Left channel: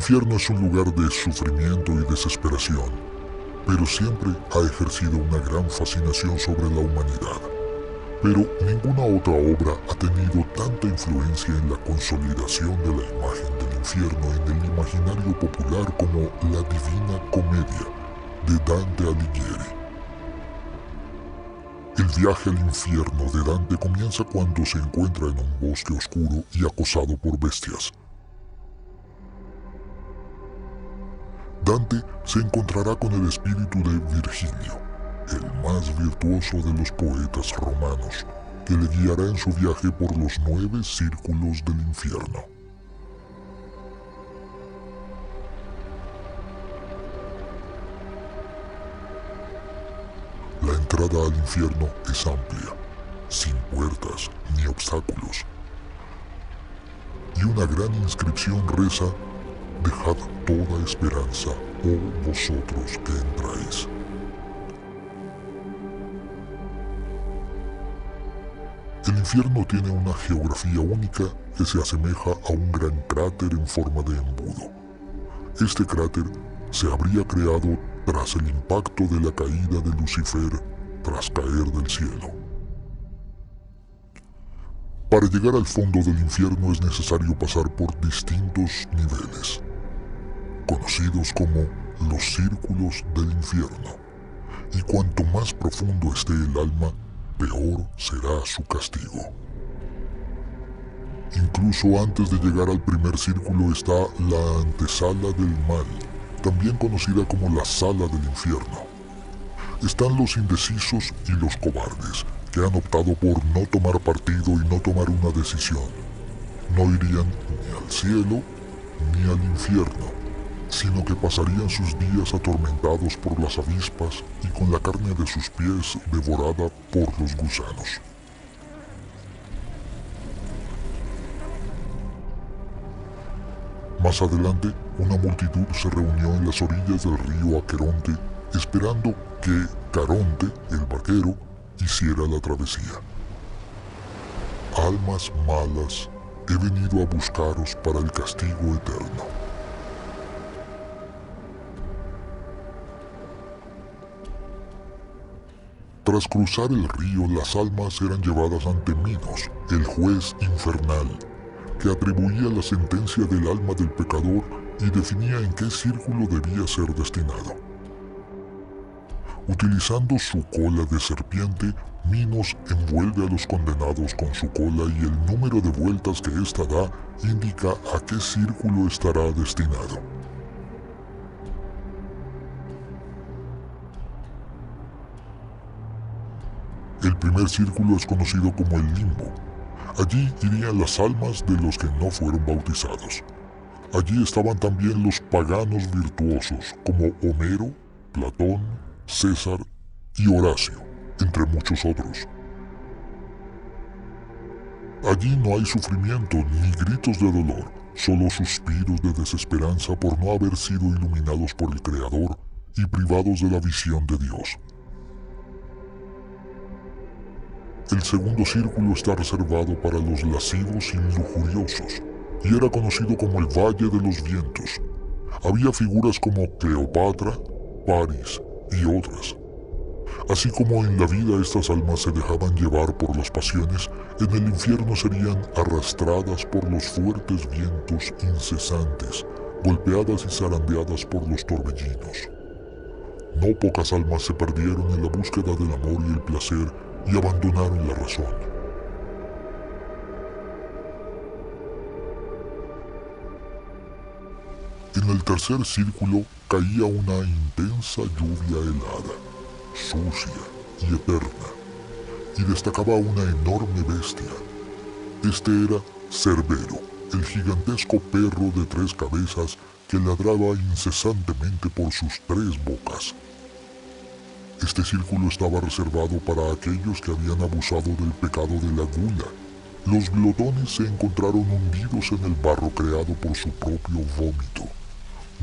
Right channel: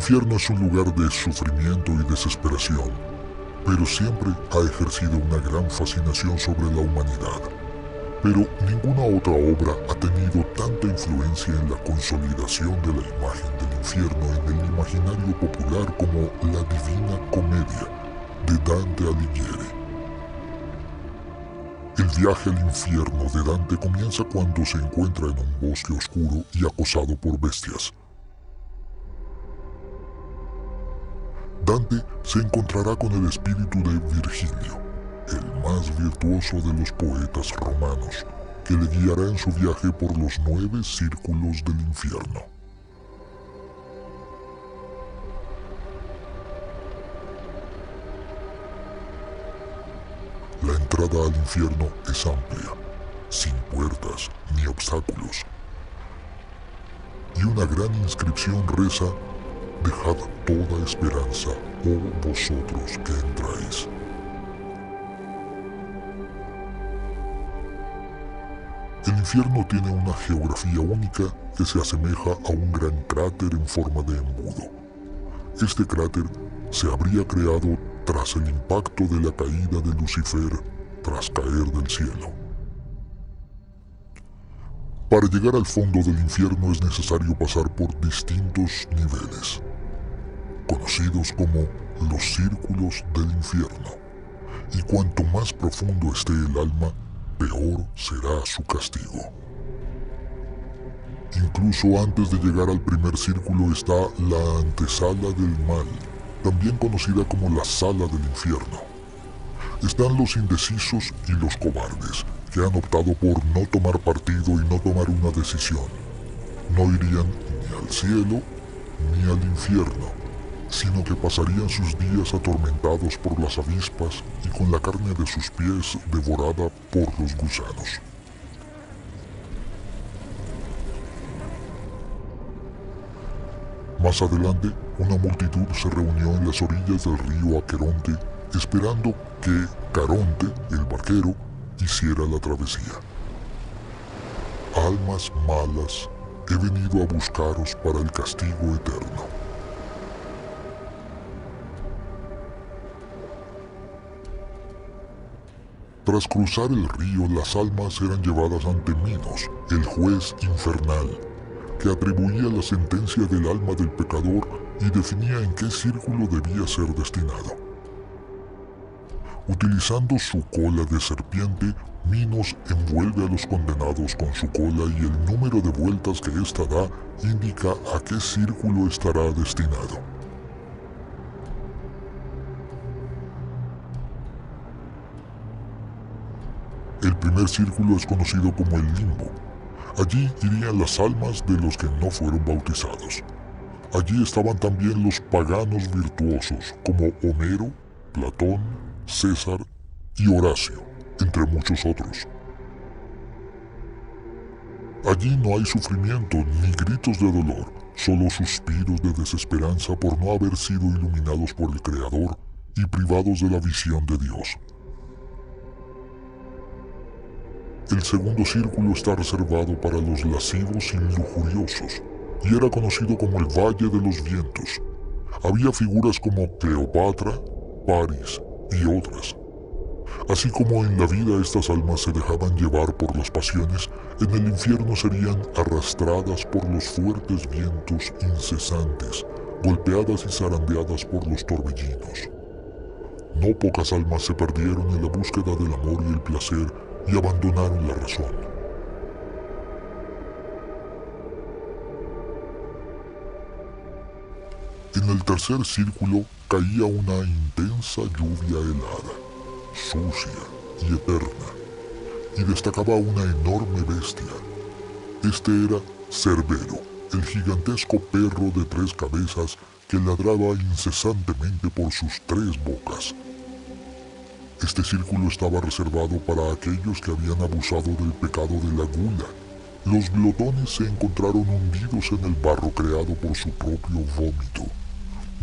infierno es un lugar de sufrimiento y desesperación, pero siempre ha ejercido una gran fascinación sobre la humanidad. Pero ninguna otra obra ha tenido tanta influencia en la consolidación de la imagen del infierno en el imaginario popular como la Divina Comedia de Dante Alighieri. El viaje al infierno de Dante comienza cuando se encuentra en un bosque oscuro y acosado por bestias. Dante se encontrará con el espíritu de Virgilio, el más virtuoso de los poetas romanos, que le guiará en su viaje por los 9 círculos del infierno. La entrada al infierno es amplia, sin puertas ni obstáculos. Y una gran inscripción reza: «Dejad toda esperanza, oh vosotros que entráis». El infierno tiene una geografía única que se asemeja a un gran cráter en forma de embudo. Este cráter se habría creado tras el impacto de la caída de Lucifer tras caer del cielo. Para llegar al fondo del infierno es necesario pasar por distintos niveles, conocidos como los círculos del infierno, y cuanto más profundo esté el alma, peor será su castigo. Incluso antes de llegar al primer círculo está la antesala del mal, también conocida como la sala del infierno. Están los indecisos y los cobardes, que han optado por no tomar partido y no tomar una decisión. No irían ni al cielo ni al infierno, sino que pasarían sus días atormentados por las avispas y con la carne de sus pies devorada por los gusanos. Más adelante, una multitud se reunió en las orillas del río Aqueronte, esperando que Caronte, el barquero, hiciera la travesía. Almas malas, he venido a buscaros para el castigo eterno. Tras cruzar el río, las almas eran llevadas ante Minos, el juez infernal, que atribuía la sentencia del alma del pecador y definía en qué círculo debía ser destinado. Utilizando su cola de serpiente, Minos envuelve a los condenados con su cola y el número de vueltas que ésta da indica a qué círculo estará destinado. El primer círculo es conocido como el limbo. Allí irían las almas de los que no fueron bautizados. Allí estaban también los paganos virtuosos, como Homero, Platón, César y Horacio, entre muchos otros. Allí no hay sufrimiento ni gritos de dolor, solo suspiros de desesperanza por no haber sido iluminados por el Creador y privados de la visión de Dios. El segundo círculo está reservado para los lascivos y lujuriosos, y era conocido como el Valle de los Vientos. Había figuras como Cleopatra, París y otras. Así como en la vida estas almas se dejaban llevar por las pasiones, en el infierno serían arrastradas por los fuertes vientos incesantes, golpeadas y zarandeadas por los torbellinos. No pocas almas se perdieron en la búsqueda del amor y el placer y abandonaron la razón. En el tercer círculo caía una intensa lluvia helada, sucia y eterna, y destacaba una enorme bestia. Este era Cerbero, el gigantesco perro de 3 cabezas que ladraba incesantemente por sus 3 bocas. Este círculo estaba reservado para aquellos que habían abusado del pecado de la gula. Los glotones se encontraron hundidos en el barro creado por su propio vómito,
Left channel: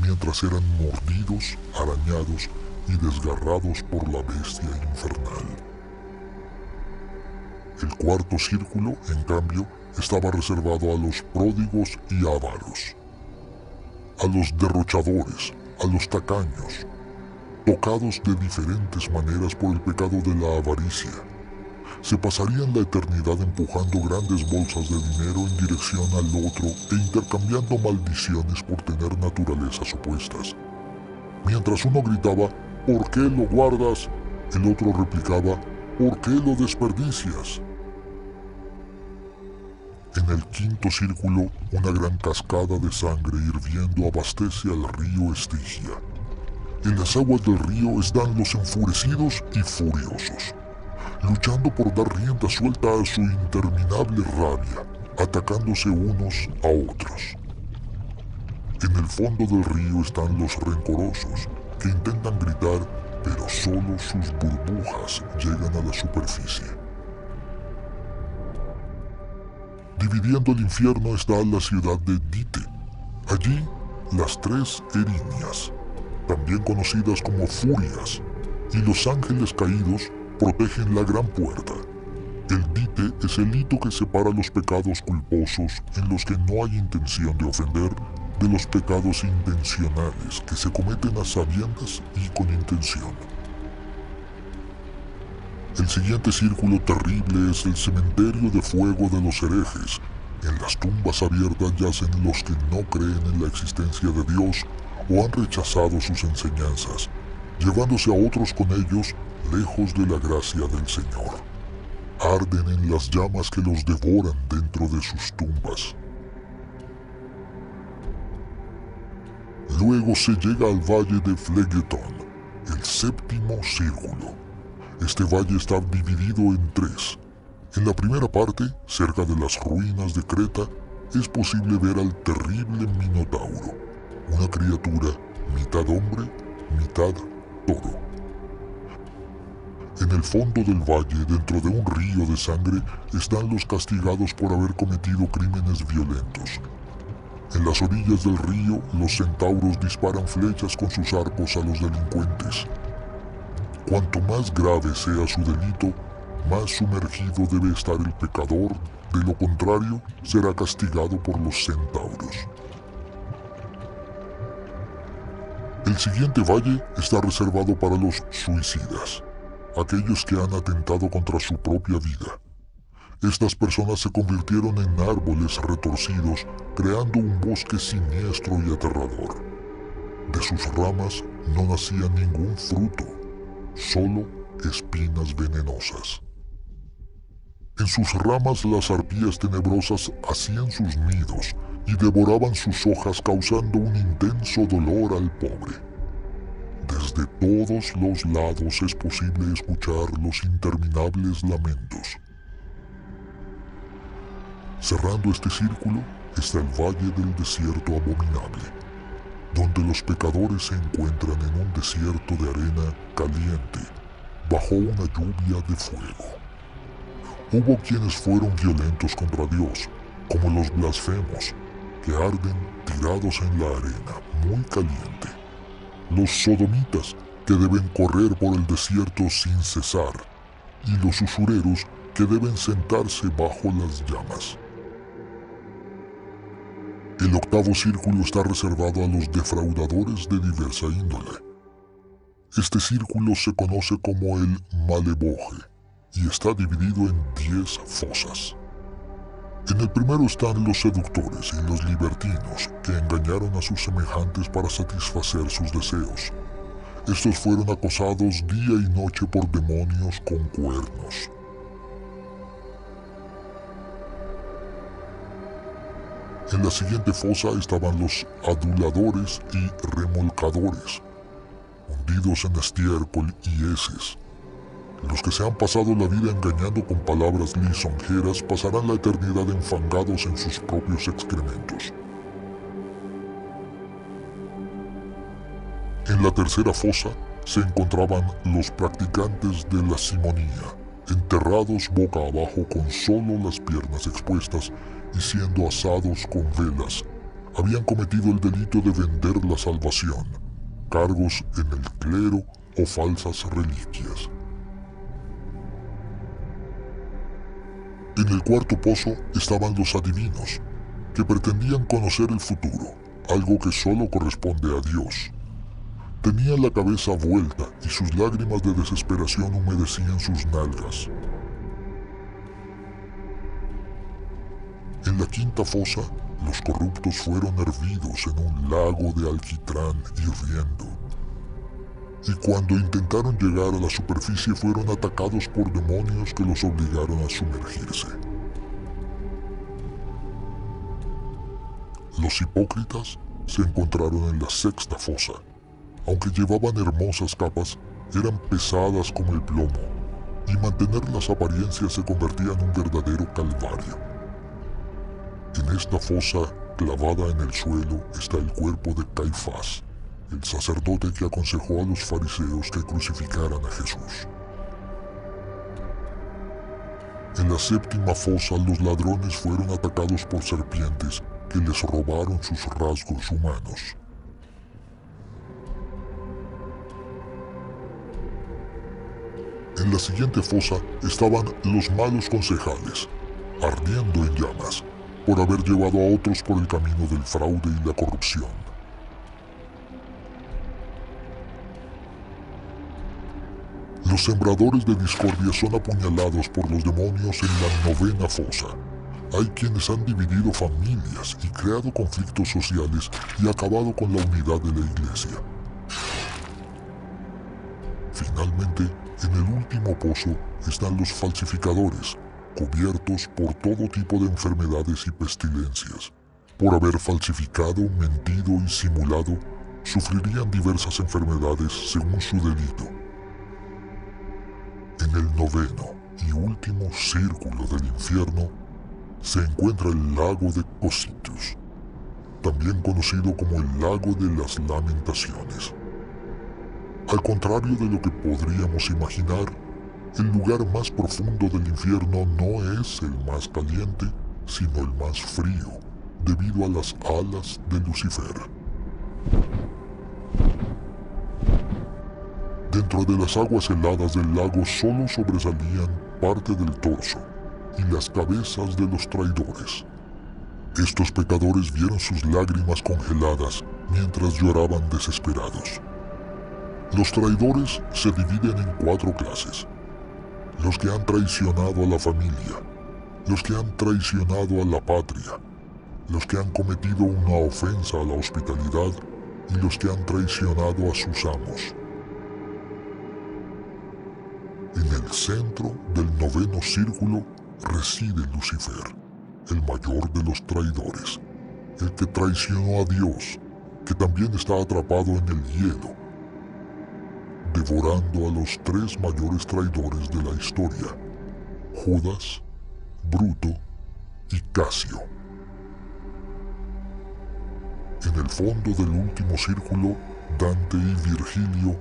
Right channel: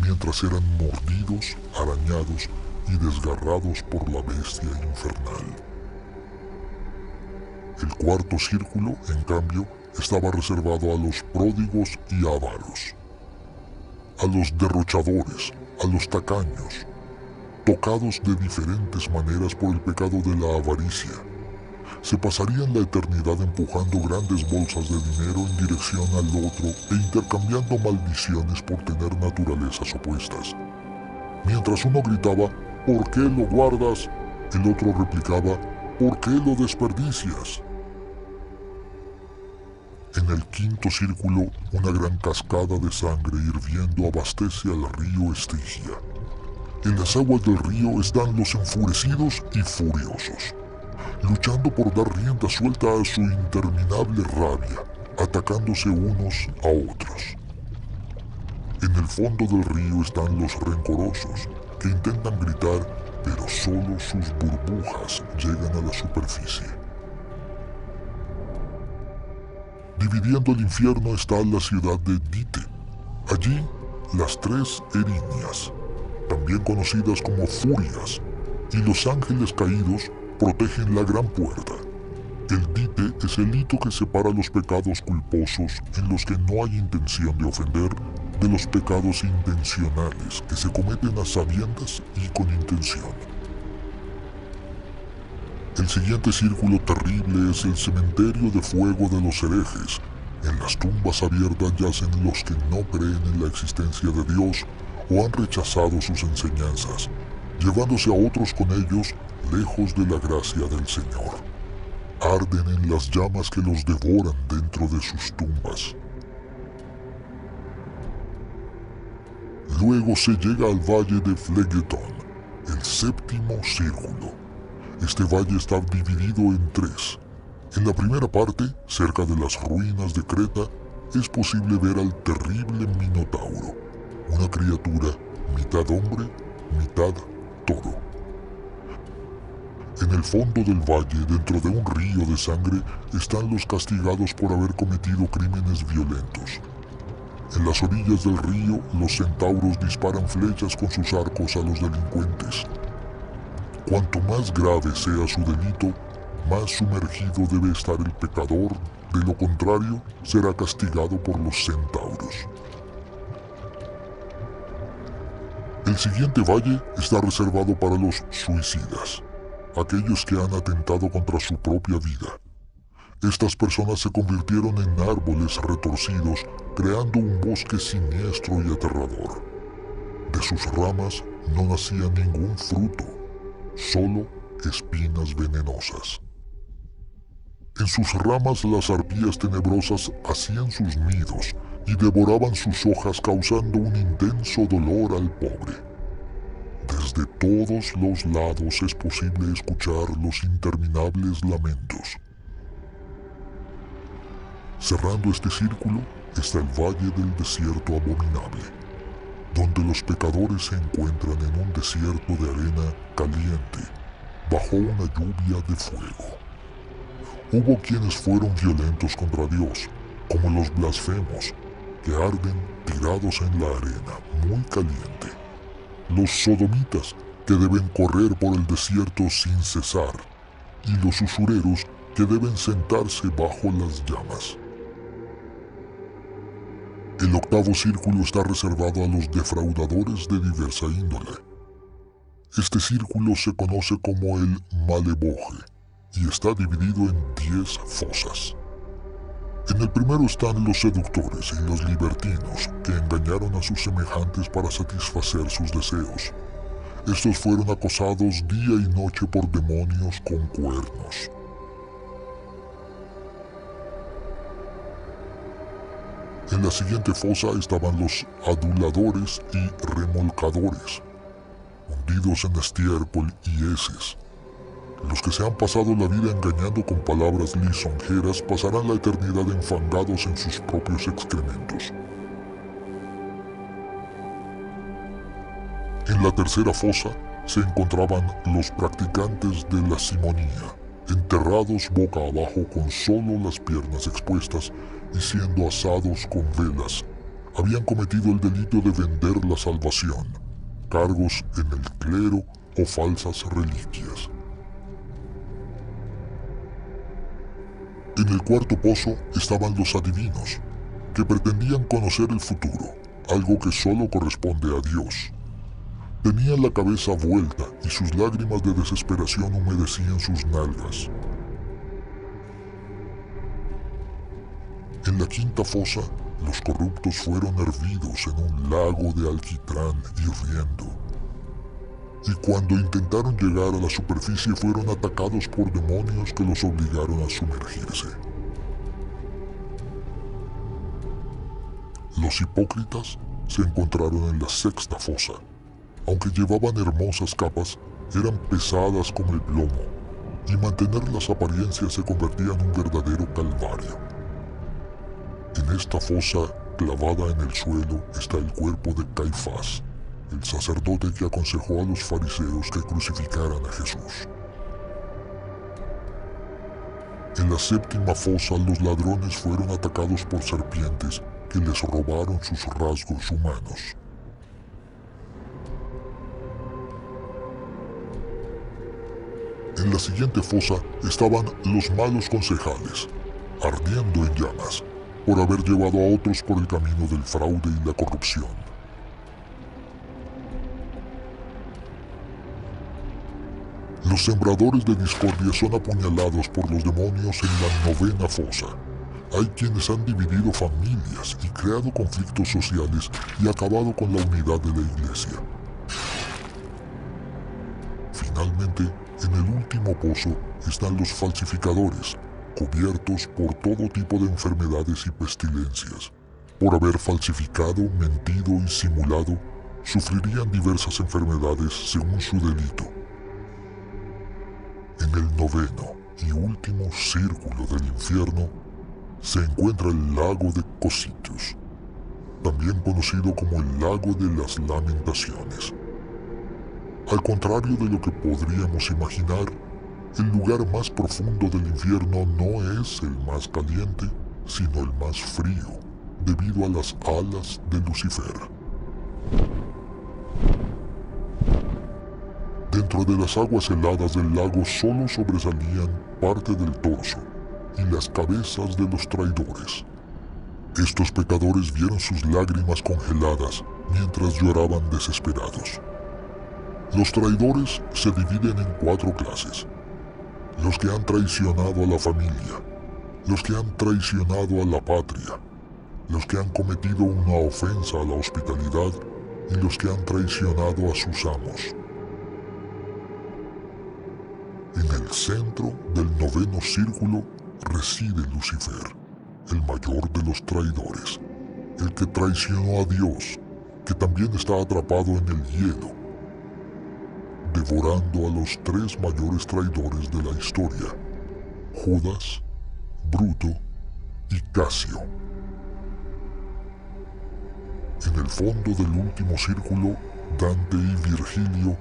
mientras eran mordidos, arañados y desgarrados por la bestia infernal. El cuarto círculo, en cambio, estaba reservado a los pródigos y avaros. a los derrochadores, a los tacaños, tocados de diferentes maneras por el pecado de la avaricia. Se pasarían la eternidad empujando grandes bolsas de dinero en dirección al otro e intercambiando maldiciones por tener naturalezas opuestas. Mientras uno gritaba, ¿por qué lo guardas?, el otro replicaba, ¿por qué lo desperdicias? En el quinto círculo, una gran cascada de sangre hirviendo abastece al río Estigia. En las aguas del río están los enfurecidos y furiosos, luchando por dar rienda suelta a su interminable rabia, atacándose unos a otros. En el fondo del río están los rencorosos, que intentan gritar, pero solo sus burbujas llegan a la superficie. Dividiendo el infierno está la ciudad de Dite. Allí, las tres Erinias, también conocidas como Furias, y los ángeles caídos protegen la gran puerta. El Dite es el hito que separa los pecados culposos en los que no hay intención de ofender de los pecados intencionales que se cometen a sabiendas y con intención. El siguiente círculo terrible es el cementerio de fuego de los herejes. En las tumbas abiertas yacen los que no creen en la existencia de Dios o han rechazado sus enseñanzas, llevándose a otros con ellos lejos de la gracia del Señor. Arden en las llamas que los devoran dentro de sus tumbas. Luego se llega al valle de Phlegethon, el séptimo círculo. Este valle está dividido en tres. En la primera parte, cerca de las ruinas de Creta, es posible ver al terrible Minotauro, una criatura mitad hombre, mitad toro. En el fondo del valle, dentro de un río de sangre, están los castigados por haber cometido crímenes violentos. En las orillas del río, los centauros disparan flechas con sus arcos a los delincuentes. Cuanto más grave sea su delito, más sumergido debe estar el pecador, de lo contrario, será castigado por los centauros. El siguiente valle está reservado para los suicidas, aquellos que han atentado contra su propia vida. Estas personas se convirtieron en árboles retorcidos, creando un bosque siniestro y aterrador. De sus ramas no nacía ningún fruto, solo espinas venenosas. En sus ramas las arpías tenebrosas hacían sus nidos y devoraban sus hojas, causando un intenso dolor al pobre. Desde todos los lados es posible escuchar los interminables lamentos. Cerrando este círculo está el Valle del Desierto Abominable, donde los pecadores se encuentran en un desierto de arena caliente, bajo una lluvia de fuego. Hubo quienes fueron violentos contra Dios, como los blasfemos, que arden tirados en la arena muy caliente. Los sodomitas, que deben correr por el desierto sin cesar, y los usureros, que deben sentarse bajo las llamas. El octavo círculo está reservado a los defraudadores de diversa índole. Este círculo se conoce como el Maleboje y está dividido en 10 fosas. En el primero están los seductores y los libertinos que engañaron a sus semejantes para satisfacer sus deseos. Estos fueron acosados día y noche por demonios con cuernos. En la siguiente fosa estaban los aduladores y remolcadores, hundidos en estiércol y heces. Los que se han pasado la vida engañando con palabras lisonjeras pasarán la eternidad enfangados en sus propios excrementos. En la tercera fosa se encontraban los practicantes de la simonía, enterrados boca abajo con solo las piernas expuestas y siendo asados con velas. Habían cometido el delito de vender la salvación, cargos en el clero o falsas reliquias. En el cuarto pozo estaban los adivinos, que pretendían conocer el futuro, algo que solo corresponde a Dios. Tenía la cabeza vuelta y sus lágrimas de desesperación humedecían sus nalgas. En la quinta fosa, los corruptos fueron hervidos en un lago de alquitrán hirviendo. Y cuando intentaron llegar a la superficie fueron atacados por demonios que los obligaron a sumergirse. Los hipócritas se encontraron en la sexta fosa. Aunque llevaban hermosas capas, eran pesadas como el plomo, y mantener las apariencias se convertía en un verdadero calvario. En esta fosa, clavada en el suelo, está el cuerpo de Caifás, el sacerdote que aconsejó a los fariseos que crucificaran a Jesús. En la séptima fosa, los ladrones fueron atacados por serpientes que les robaron sus rasgos humanos. En la siguiente fosa estaban los malos concejales, ardiendo en llamas, por haber llevado a otros por el camino del fraude y la corrupción. Los sembradores de discordia son apuñalados por los demonios en la novena fosa. Hay quienes han dividido familias y creado conflictos sociales y acabado con la unidad de la iglesia. Finalmente, en el último pozo están los falsificadores, cubiertos por todo tipo de enfermedades y pestilencias. Por haber falsificado, mentido y simulado, sufrirían diversas enfermedades según su delito. En el noveno y último círculo del infierno se encuentra el lago de Cositos, también conocido como el lago de las lamentaciones. Al contrario de lo que podríamos imaginar, el lugar más profundo del infierno no es el más caliente, sino el más frío, debido a las alas de Lucifer. Dentro de las aguas heladas del lago solo sobresalían parte del torso y las cabezas de los traidores. Estos pecadores vieron sus lágrimas congeladas mientras lloraban desesperados. Los traidores se dividen en 4 clases. Los que han traicionado a la familia, los que han traicionado a la patria, los que han cometido una ofensa a la hospitalidad y los que han traicionado a sus amos. En el centro del noveno círculo reside Lucifer, el mayor de los traidores, el que traicionó a Dios, que también está atrapado en el hielo, devorando a los 3 mayores traidores de la historia, Judas, Bruto y Casio. En el fondo del último círculo, Dante y Virgilio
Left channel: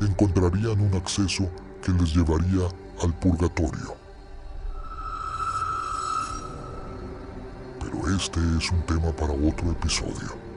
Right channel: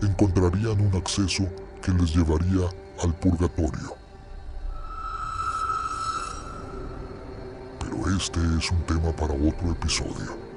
encontrarían un acceso que les llevaría al purgatorio. Pero este es un tema para otro episodio.